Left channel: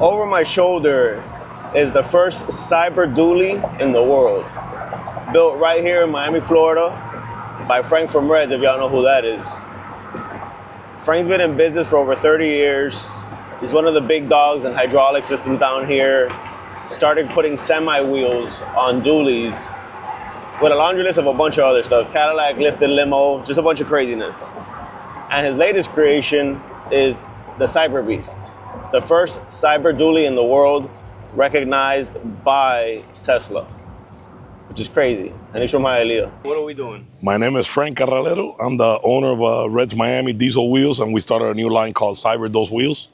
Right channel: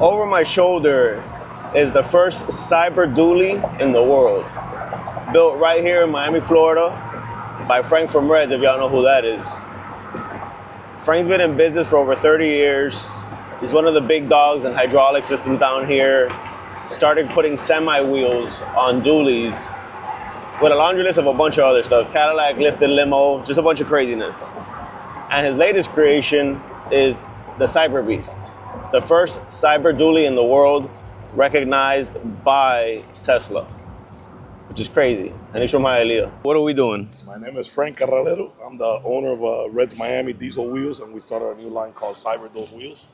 Over my shoulder is the first cyber dually in the world. Built right here in Miami, Florida by Frank from Reds, if y'all know who that is. Frank's been in business for over 30 years. He's one of the big dogs in hydraulic systems down here. Started putting semi-wheels on dualies with a laundry list of a bunch of other stuff. Cadillac, lifted limo, just a bunch of craziness. And his latest creation is the Cyber Beast. It's the first cyber dually in the world recognized by Tesla, which is crazy. And he's from Hialeah. What are we doing? My name is Frank Carralero. I'm the owner of Reds Miami Diesel Wheels, and we started a new line called Cybertruck Wheels.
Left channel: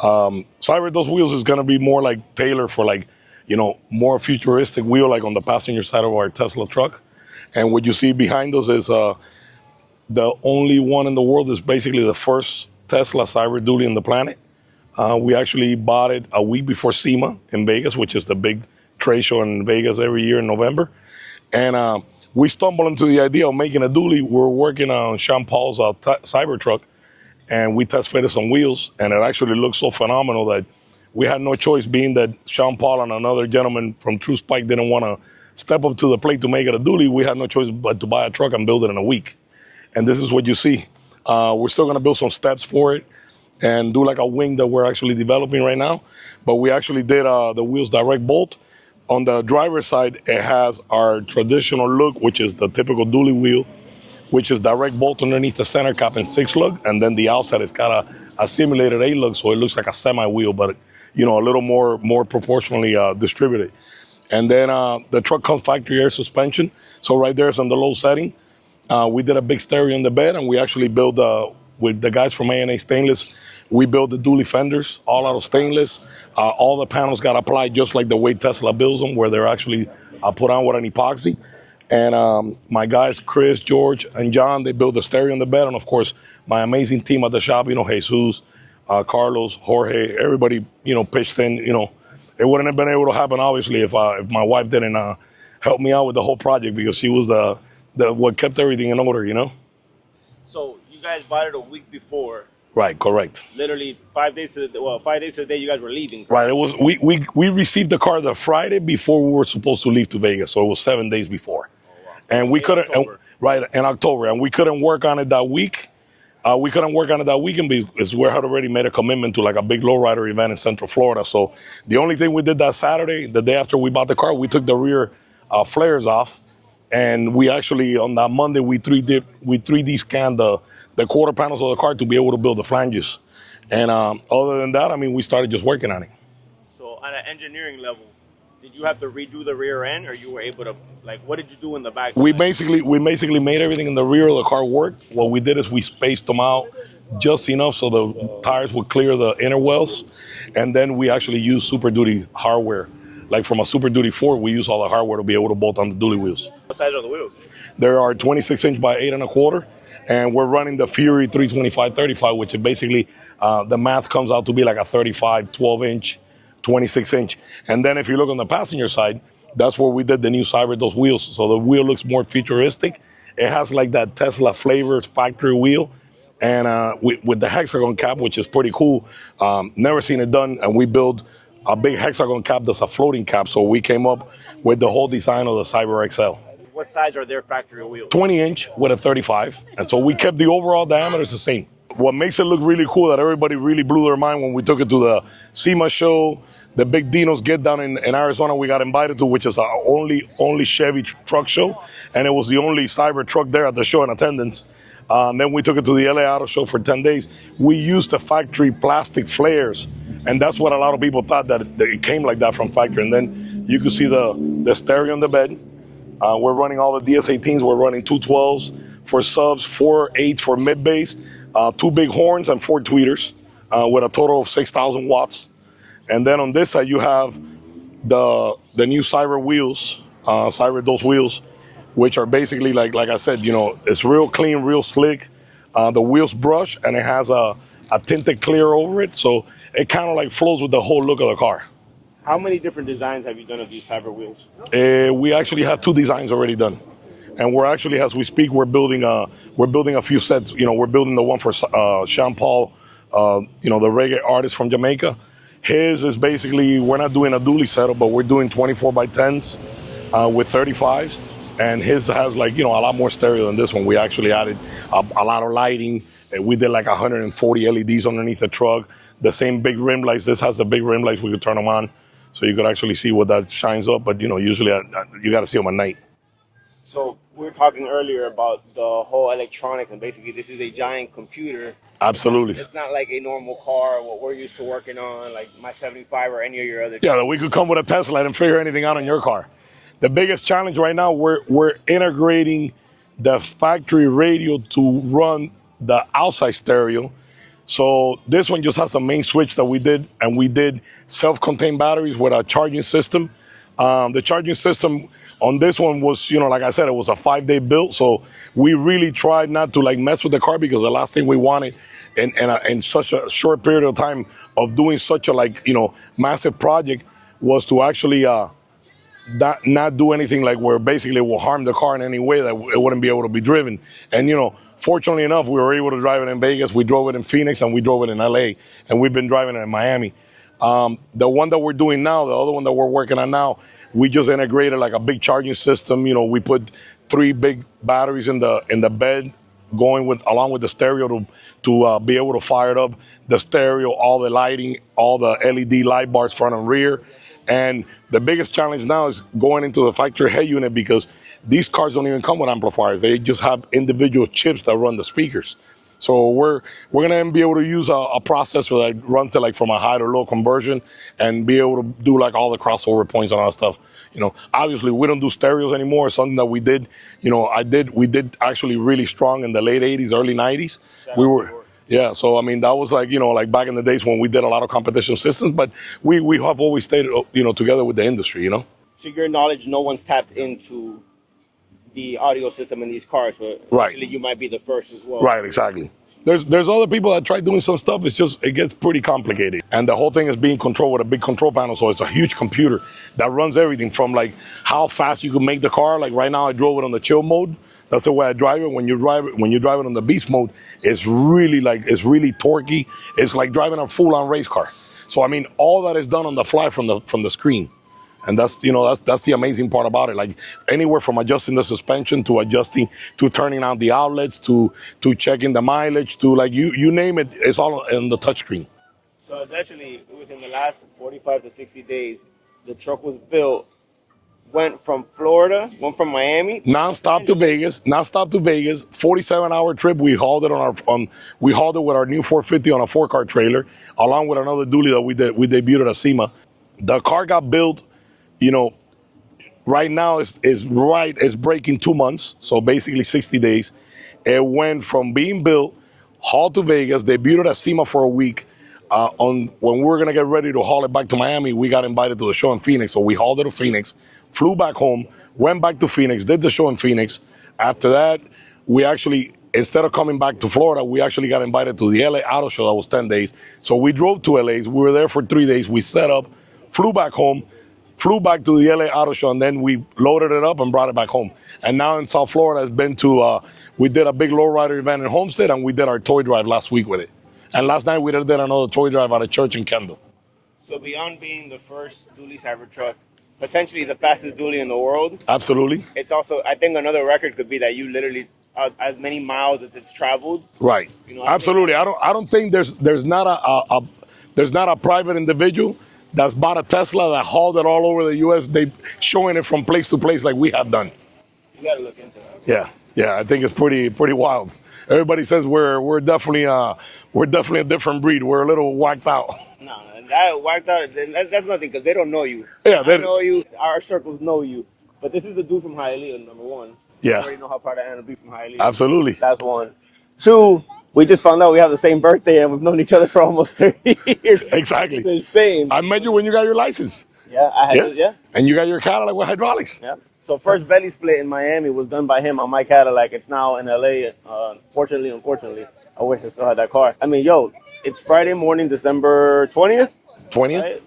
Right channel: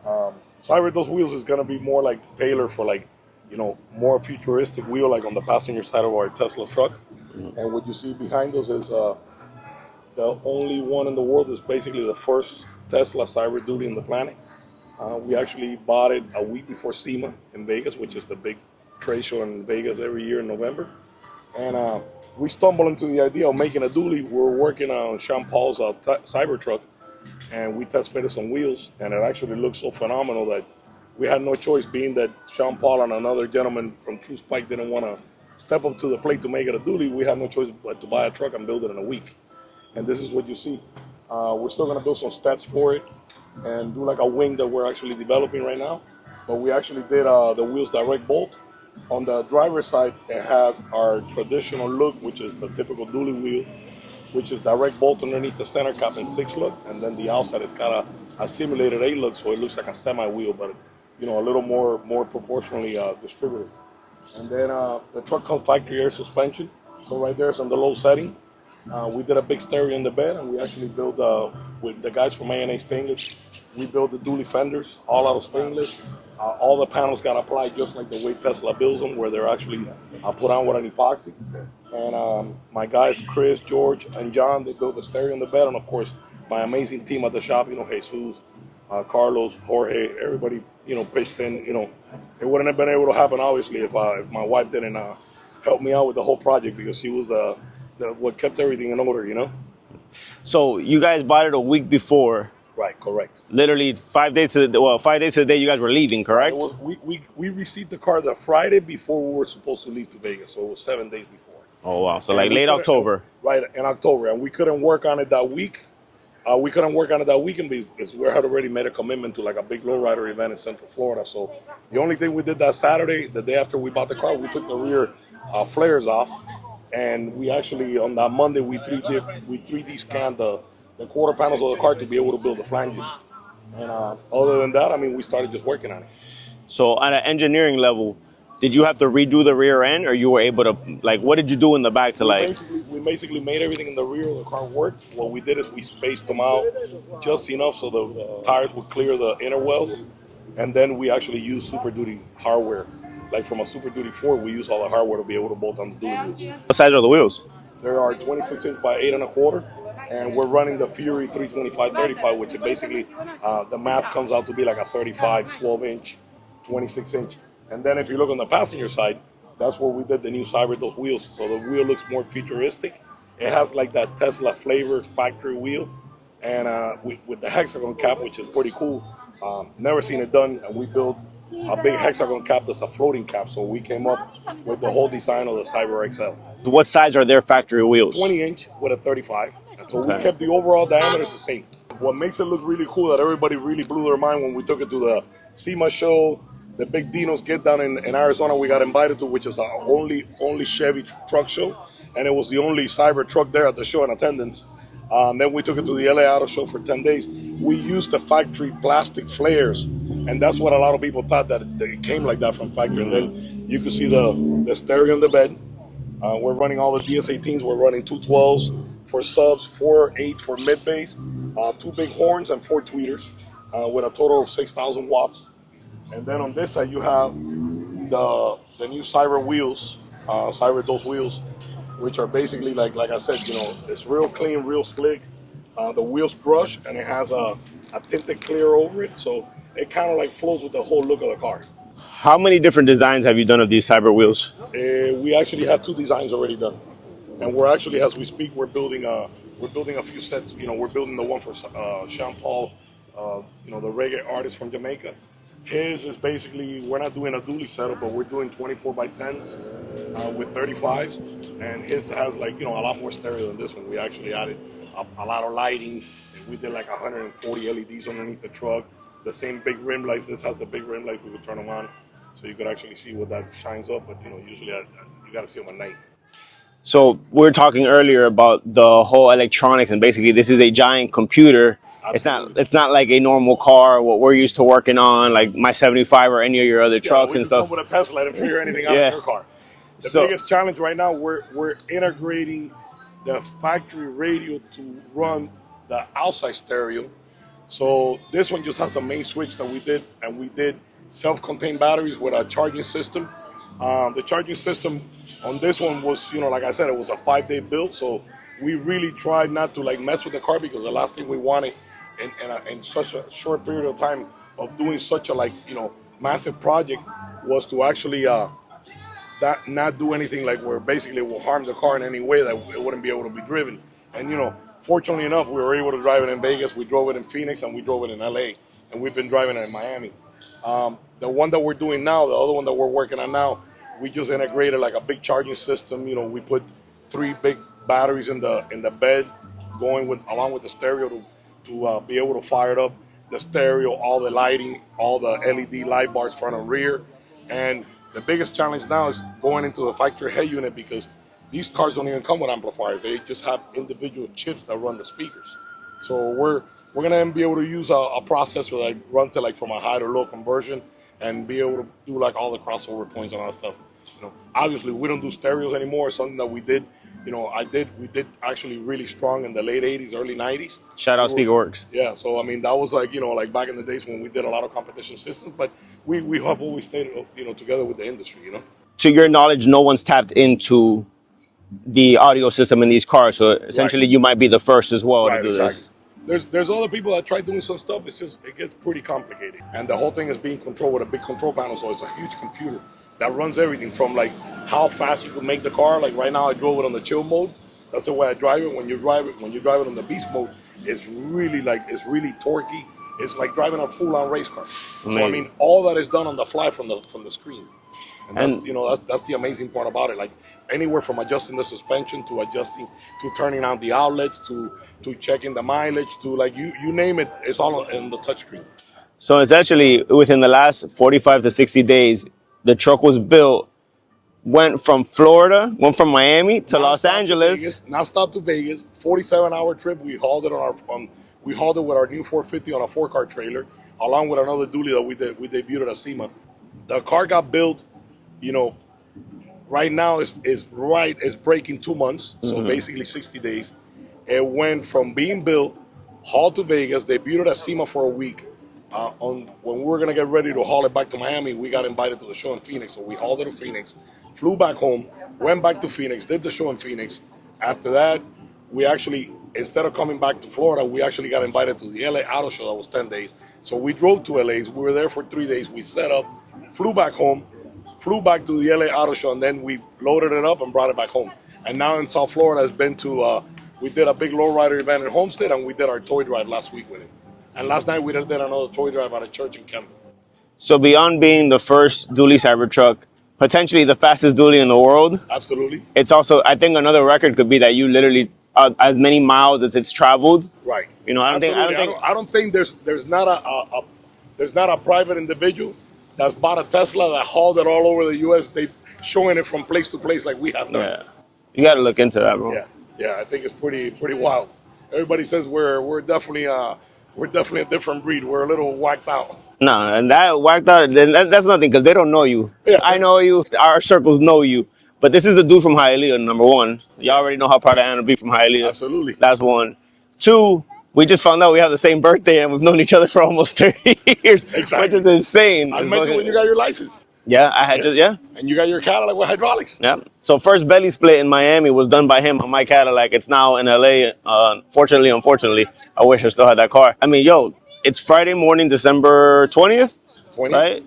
Cybertruck Wheels is gonna be more like tailored for more futuristic wheel, like on the passenger side of our Tesla truck. And what you see behind us is the only one in the world. Is basically the first Tesla cyber dually in the planet. We actually bought it a week before SEMA in Vegas, which is the big trade show in Vegas every year in November. And we stumbled into the idea of making a dually. We were working on Sean Paul's Cybertruck, and we test fitted some wheels, and it actually looked so phenomenal that we had no choice, being that Sean Paul and another gentleman from True Spike didn't want to step up to the plate to make it a dually. We had no choice but to buy a truck and build it in a week. And this is what you see. We're still going to build some steps for it and do like a wing that we're actually developing right now. But we actually did the wheels direct bolt. On the driver's side, it has our traditional look, which is the typical dually wheel, which is direct bolt underneath the center cap and 6-lug. And then the outside has got a simulated 8-lug, so it looks like a semi-wheel, but a little more proportionally distributed. And then the truck comes factory air suspension. So right there is on the low setting. We did a big stereo in the bed, and we actually built, with the guys from A&A Stainless, we built the dually fenders, all out of stainless. All the panels got applied just like the way Tesla builds them, where they're actually put on with an epoxy. And my guys, Chris, George, and John, they built the stereo in the bed. And of course, my amazing team at the shop, Jesus, Carlos, Jorge, everybody, pitched in. It wouldn't have been able to happen, obviously, if my wife didn't help me out with the whole project, because she was the what kept everything in order. So you guys bought it a week before. Right, correct. Literally 5 days to the day you guys were leaving, correct? Right. It was we received the car the Friday before we were supposed to leave to Vegas, so it was 7 days before. Oh wow! So like late October. Right, in October, and we couldn't work on it that week. We couldn't work on it that weekend because we had already made a commitment to like a big lowrider event in Central Florida. So the only thing we did that Saturday, the day after we bought the car, we took the rear flares off, and we actually on that Monday we 3D scanned the quarter panels of the car to be able to build the flanges. And other than that, we started just working on it. So at an engineering level, did you have to redo the rear end, or you were able to, what did you do in the back? We basically made everything in the rear of the car work. What we did is we spaced them out just enough so the tires would clear the inner wells. And then we actually used Super Duty hardware. Like from a Super Duty Ford, we use all the hardware to be able to bolt on the dually wheels. What size are the wheels? There are 26-inch by 8.25, and we're running the Fury 325/35, which is basically the math comes out to be like a 35, 12-inch, 26-inch. And then if you look on the passenger side, that's where we did the new Cybertruck wheels. So the wheel looks more futuristic. It has like that Tesla flavor factory wheel, and with the hexagon cap, which is pretty cool. Never seen it done, and we built a big hexagon cap that's a floating cap. So we came up with the whole design of the Cyber XL. What size are their factory wheels? 20-inch with a 35. And so we kept the overall diameters the same. What makes it look really cool, that everybody really blew their mind when we took it to the SEMA show, the big Dino's Get Down in Arizona we got invited to, which is our only Chevy truck show. And it was the only Cyber truck there at the show in attendance. Then we took it to the LA Auto Show for 10 days. We used the factory plastic flares, and that's what a lot of people thought, that it came like that from factory. And then you could see the stereo in the bed. We're running all the DS18s. We're running 212s for subs, 4 8s for mid bass, 2 big horns, and 4 tweeters with a total of 6,000 watts. And then on this side, you have the new Cyber wheels, Cybertruck wheels, which are basically like I said, it's real clean, real slick. The wheels brush, and it has a tinted clear over it, so it kind of like flows with the whole look of the car. How many different designs have you done of these Cyber wheels? We actually have 2 designs already done, and we're actually, as we speak, we're building a few sets. We're building the one for Sean Paul, the reggae artist from Jamaica, His is basically, we're not doing a dually setup, but we're doing 24 by 10s with 35s. And his has like, a lot more stereo than this one. We actually added a lot of lighting. We did like 140 LEDs underneath the truck. The same big rim lights. This has the big rim lights. We could turn them on. So you could actually see what that shines up. But, usually you got to see them at night. So we were talking earlier about the whole electronics, and basically this is a giant computer. Absolutely. It's not like a normal car, what we're used to working on, like my 75 or any of your other trucks. We and could stuff. come with a Tesla and figure anything out in your car. The biggest challenge right now, we're integrating the factory radio to run the outside stereo. So this one just has a main switch that we did, and we did self-contained batteries with a charging system. The charging system on this one was, like I said, it was a 5-day build. So we really tried not to like mess with the car, because the last thing we wanted in such a short period of time of doing such a massive project was to actually not do anything like where basically it will harm the car in any way that it wouldn't be able to be driven. And fortunately enough, we were able to drive it in Vegas. We drove it in Phoenix, and we drove it in LA, and we've been driving it in Miami. The one that we're doing now, the other one that we're working on now, we just integrated like a big charging system. We put 3 big batteries in the bed, along with the stereo to be able to fire it up. The stereo, all the lighting, all the LED light bars front and rear. And the biggest challenge now is going into the factory head unit, because these cars don't even come with amplifiers. They just have individual chips that run the speakers. So we're gonna be able to use a processor that runs it like from a high to low conversion, and be able to do like all the crossover points and all that stuff. Obviously we don't do stereos anymore. Something that we did, we did actually really strong in the late 80s, early 90s. Shout out Speakworks. Yeah, so I mean that was like, like back in the days when we did a lot of competition systems, but we have always stayed, together with the industry, To your knowledge, no one's tapped into the audio system in these cars, so essentially you might be the first as well. Right, exactly. There's other people that try doing some stuff. It gets pretty complicated, and the whole thing is being controlled with a big control panel. So it's a huge computer that runs everything from like how fast you can make the car. Like right now, I drove it on the chill mode. That's the way I drive it. When you drive it on the beast mode, it's really torquey. It's like driving a full-on race car. So I mean, all that is done on the fly from the screen. And that's that's the amazing part about it. Like anywhere from adjusting the suspension to turning out the outlets to checking the mileage to like you name it, it's all in the touchscreen. So it's actually within the last 45 to 60 days, the truck was built, went from Miami to Los Angeles. Now stop to Vegas. 47-hour trip. We hauled it with our new 450 on a 4-car trailer, along with another dually that we debuted at SEMA. The car got built. Right now it's breaking 2 months, so basically 60 days. It went from being built, hauled to Vegas, debuted at SEMA for a week. When we were gonna get ready to haul it back to Miami, we got invited to the show in Phoenix, so we hauled it to Phoenix, flew back home, went back to Phoenix, did the show in Phoenix. After that, we actually, instead of coming back to Florida, we actually got invited to the LA Auto Show. That was 10 days. So we drove to LA. We were there for 3 days. We set up, flew back home, flew back to the LA Auto Show, and then we loaded it up and brought it back home. And now in South Florida, it's been to, we did a big lowrider event in Homestead, and we did our toy drive last week with it. And last night we did another toy drive at a church in Kendall. So beyond being the first dually Cybertruck, potentially the fastest dually in the world. Absolutely. It's also, I think another record could be that you literally, as many miles as it's traveled. Right. Absolutely. I don't think there's not a private individual that's bought a Tesla that hauled it all over the U.S. They showing it from place to place like we have done. Yeah. You got to look into that, bro. Yeah. I think it's pretty wild. Everybody says we're definitely a different breed. We're a little whacked out. No, and that whacked out. That's nothing because they don't know you. Yeah, I know you. Our circles know you. But this is a dude from Hialeah, number one. You already know how proud I am to be from Hialeah. Absolutely. That's one. Two. We just found out we have the same birthday and we've known each other for almost 30 years. Exactly. Which is insane. I met you when you got your license. Yeah, I had And you got your Cadillac with hydraulics. Yeah. So first belly split in Miami was done by him on my Cadillac. It's now in LA. Unfortunately, I wish I still had that car. I mean, it's Friday morning, December 20th. 20th. Right?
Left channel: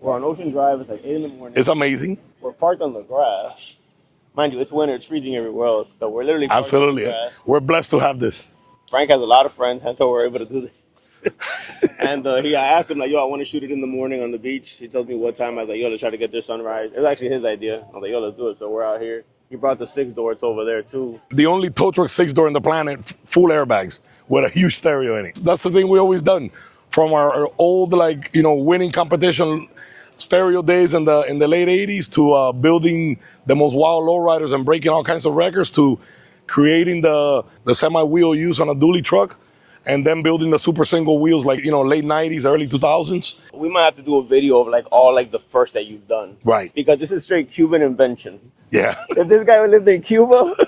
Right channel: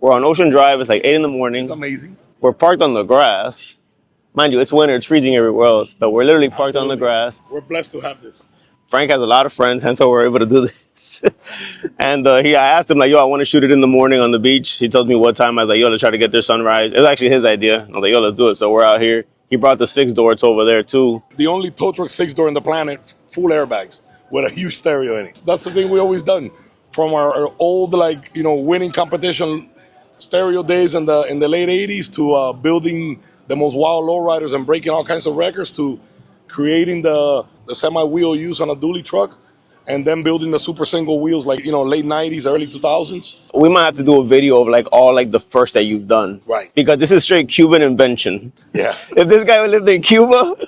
We're on Ocean Drive. It's like 8 in the morning. It's amazing. We're parked on the grass. Mind you, it's winter. It's freezing everywhere else. But we're literally parked on the grass. We're blessed to have this. Frank has a lot of friends, hence how we're able to do this. And I asked him like, yo, I want to shoot it in the morning on the beach. He told me what time. I was like, yo, let's try to get there sunrise. It was actually his idea. I was like, yo, let's do it. So we're out here. He brought the 6-door. It's over there too. The only tow truck 6-door in the planet, full airbags with a huge stereo in it. That's the thing we always done from our old winning competition stereo days in the late 80s to building the most wild lowriders and breaking all kinds of records to creating the semi-wheel use on a dually truck and then building the super single wheels late 90s, early 2000s. We might have to do a video of like all like the first that you've done. Right. Because this is straight Cuban invention. Yeah. If this guy lived in Cuba,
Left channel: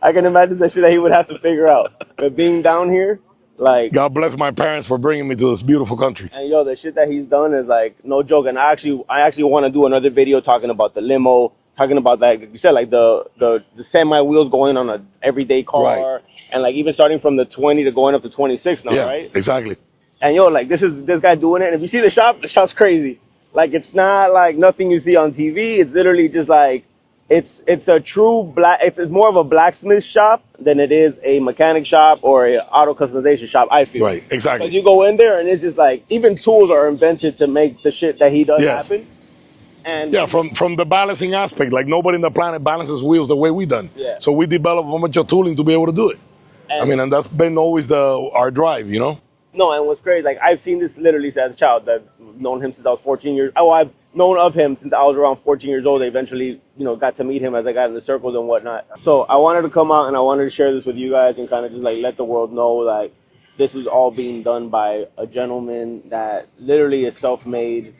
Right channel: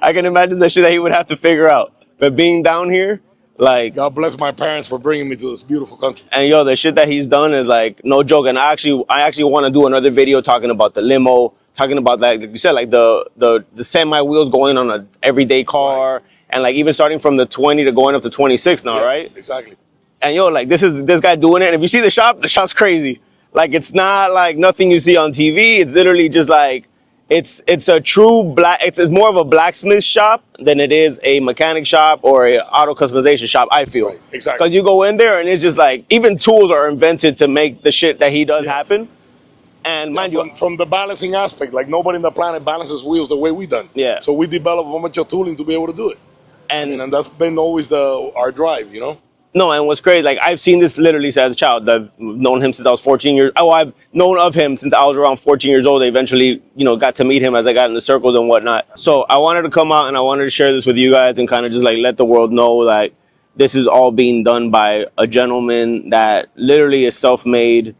I can imagine the shit that he would have to figure out. But being down here, like, God bless my parents for bringing me to this beautiful country. and yo, the shit that he's done is like no joke. And I actually want to do another video talking about the limo, talking about like you said, like the semi wheels going on a everyday car, Right. and like even starting from the 20 to going up to 26 now, Yeah, right? exactly. And yo, like this guy doing it. And if you see the shop's crazy. Like it's not like nothing you see on TV. It's literally just like it's a true it's more of a blacksmith shop than it is a mechanic shop or a auto customization shop, I feel. Right, exactly. Because you go in there and it's just like even tools are invented to make the shit that he does happen. And yeah, from the balancing aspect, like nobody in the planet balances wheels the way we done. Yeah. So we develop a bunch of tooling to be able to do it. And that's been always our drive, No, and what's crazy, like I've seen this literally as a child. I've known him since I was 14 years. Oh, I've known of him since I was around 14 years old. I eventually, got to meet him as I got in the circles and whatnot. So I wanted to come out and I wanted to share this with you guys and kind of just like let the world know that this is all being done by a gentleman that literally is self-made.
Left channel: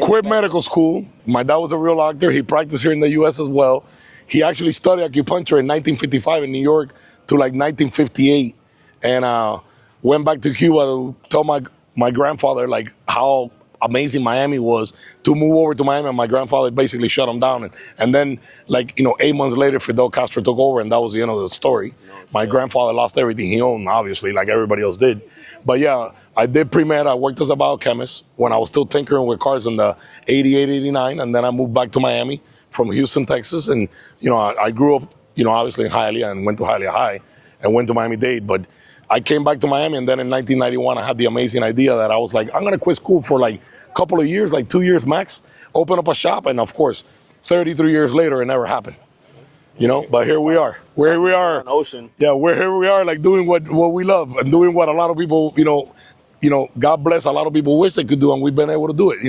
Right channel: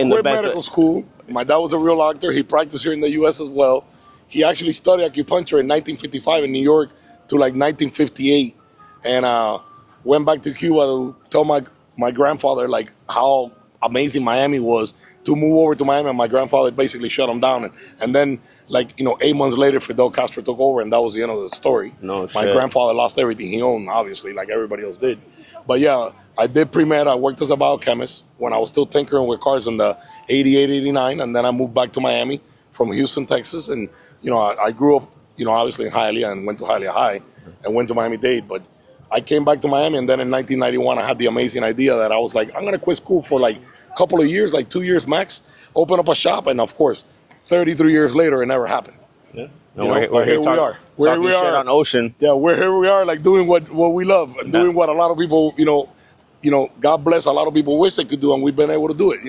Quit medical school. My dad was a real actor. He practiced here in the U.S. as well. He actually studied acupuncture in 1955 in New York to like 1958, and went back to Cuba to tell my grandfather like how amazing Miami was to move over to Miami. And my grandfather basically shut him down, and then 8 months later, Fidel Castro took over, and that was the end of the story. No My shit. grandfather lost everything he owned, obviously, like everybody else did. But yeah, I did pre-med. I worked as a biochemist when I was still tinkering with cars in the 88, 89, and then I moved back to Miami from Houston, Texas, and I grew up, obviously in Hialeah and went to Hialeah High and went to Miami-Dade, but I came back to Miami, and then in 1991, I had the amazing idea that I was like, I'm going to quit school for like a couple of years, like 2 years max, open up a shop, and of course, 33 years later, it never happened. Yeah. But here we are. Where we are on Ocean. Yeah, here we are, like doing what we love and doing what a lot of people, God bless, a lot of people wish they could do, and we've been able to do it,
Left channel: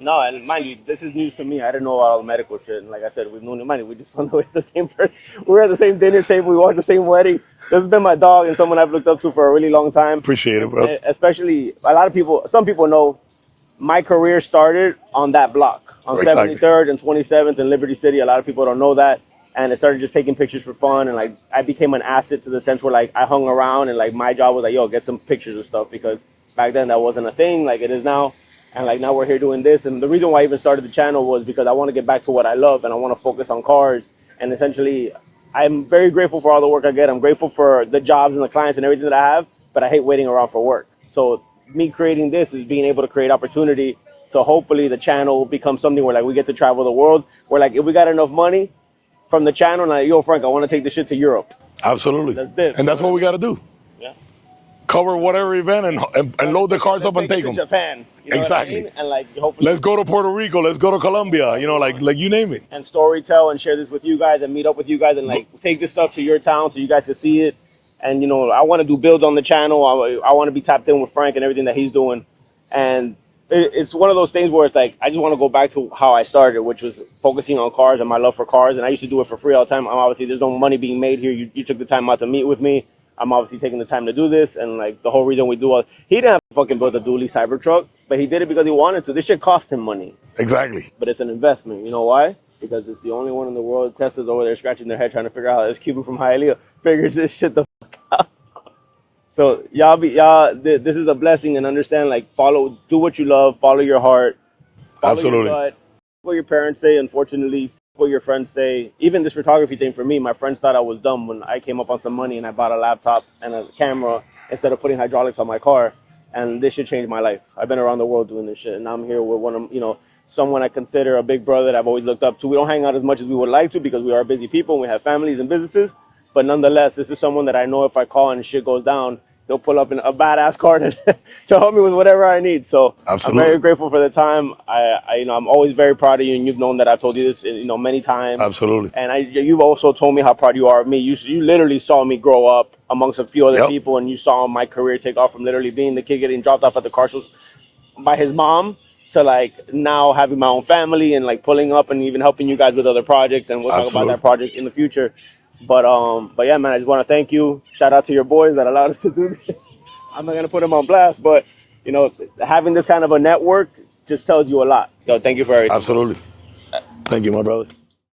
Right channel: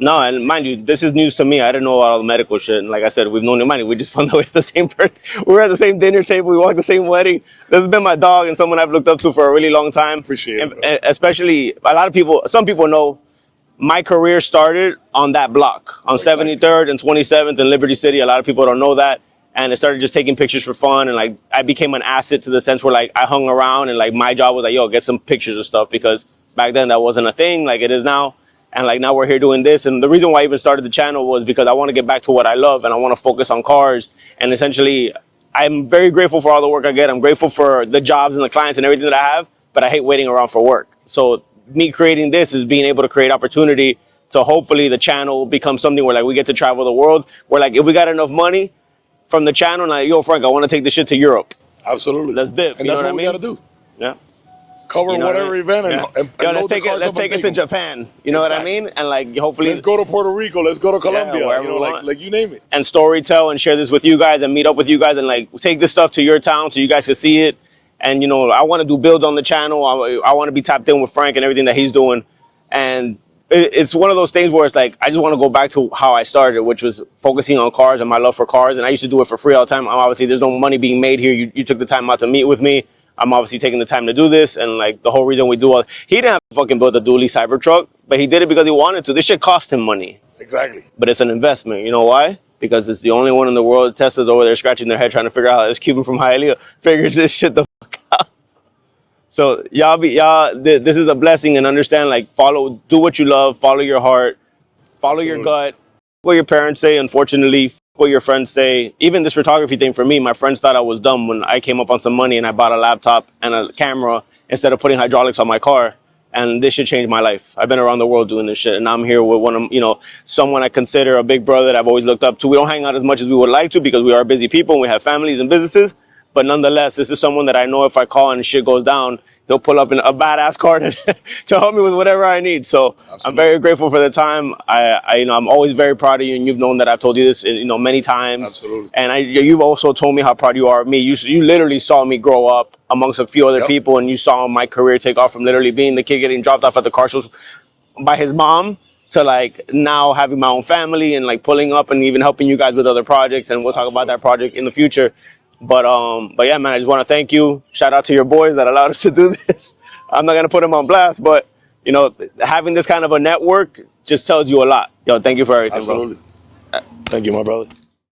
No, and mind you, this is news to me. I didn't know about all the medical shit. And like I said, we've known him. We just found out we're the same person. We're at the same dinner table. We walked the same wedding. This has been my dog and someone I've looked up to for a really long time. Appreciate it, bro. And especially, a lot of people, some people know my career started on that block, on Exactly. 73rd and 27th in Liberty City. A lot of people don't know that. And I started just taking pictures for fun. And like, I became an asset to the sense where like I hung around and like my job was like, yo, get some pictures of stuff, because back then that wasn't a thing like it is now. And like now we're here doing this. And the reason why I even started the channel was because I want to get back to what I love and I want to focus on cars. And essentially, I'm very grateful for all the work I get. I'm grateful for the jobs and the clients and everything that I have, but I hate waiting around for work. So me creating this is being able to create opportunity to hopefully the channel become something where like we get to travel the world. Where like if we got enough money from the channel, like, yo, Frank, I want to take this shit to Europe. Absolutely. Let's dip. And that's what we got to do. Yeah. Cover You know whatever what I mean? event and load the cars up let's and take it take to them. Japan. You know Exactly. what I mean? And like hopefully Let's go to Puerto Rico. Let's go to Colombia. wherever we like want. you name it. and storytell and share this with you guys and meet up with you guys and like take this stuff to your town so you guys can see it. And I want to do build on the channel. I want to be tapped in with Frank and everything that he's doing. And it's one of those things where it's like I just want to go back to how I started, which was focusing on cars and my love for cars. And I used to do it for free all the time. Obviously, there's no money being made here. You took the time out to meet with me. I'm obviously taking the time to do this, and like the whole reason we do all, he didn't have to fucking build a dually Cybertruck, but he did it because he wanted to. This shit cost him money, Exactly. but it's an investment. You know why? Because it's the only one in the world. Tesla's over there scratching their head trying to figure out how this Cuban from Hialeah figures this shit the fuck out. So this is a blessing, and understand, like, do what you love, follow your heart, follow your Absolutely. gut. What your parents say, unfortunately, what your friends say. Even this photography thing for me, my friends thought I was dumb when I came up on some money and I bought a laptop and a camera instead of putting hydraulics on my car. And this shit changed my life. I've been around the world doing this shit, and I'm here with someone I consider a big brother that I've always looked up to. We don't hang out as much as we would like to because we are busy people and we have families and businesses. But nonetheless, this is someone that I know if I call and shit goes down, he'll pull up in a badass car to help me with whatever I need. So I'm Absolutely. very grateful for the time. I'm always very proud of you, and you've known that I've told you this, many times. Absolutely. And you've also told me how proud you are of me. You literally saw me grow up amongst a few other Yep. people, and you saw my career take off from literally being the kid getting dropped off at the car shows by his mom to like now having my own family and like pulling up and even helping you guys with other projects, and we'll talk about Absolutely. that project in the future. But yeah, man, I just want to thank you. Shout out to your boys that allowed us to do this. I'm not gonna put them on blast, but having this kind of a network just tells you a lot. Yo, thank you for everything, bro. Absolutely. Thank you, my brother.